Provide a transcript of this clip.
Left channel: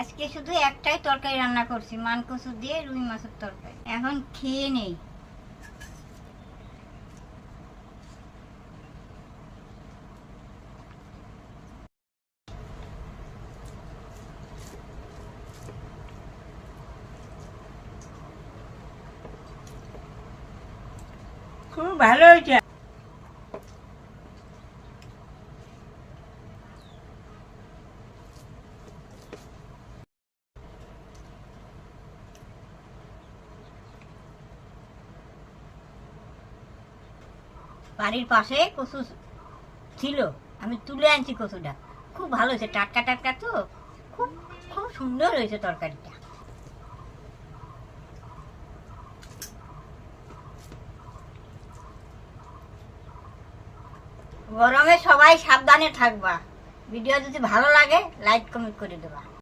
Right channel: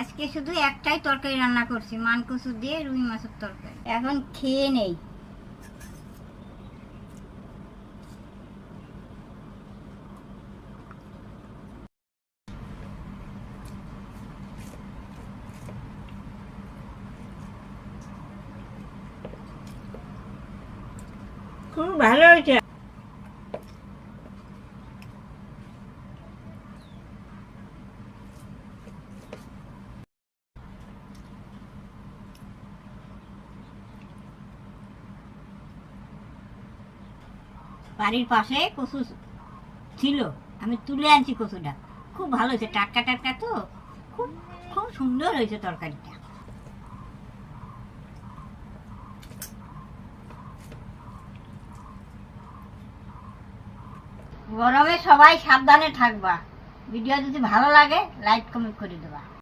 আজকে শুধু একটাই তরকারি রান্না করছি, মান কচু দিয়ে রুই মাছের তরকারি। এখন খেয়ে নেই। খুব ভালো হয়েছে। বাড়ির পাশে কচু ছিল, আমি তুলে আনছি কচুটা। খুব ভালো হয়েছে, টাটকা টাটকা তো, খুব খুব সুন্দর হয়েছে তরকারিটা। গরমে সবাই সাবধানে থাকবা। ভিডিও যদি ভালো লাগে লাইক কমেন্ট করে দেবা।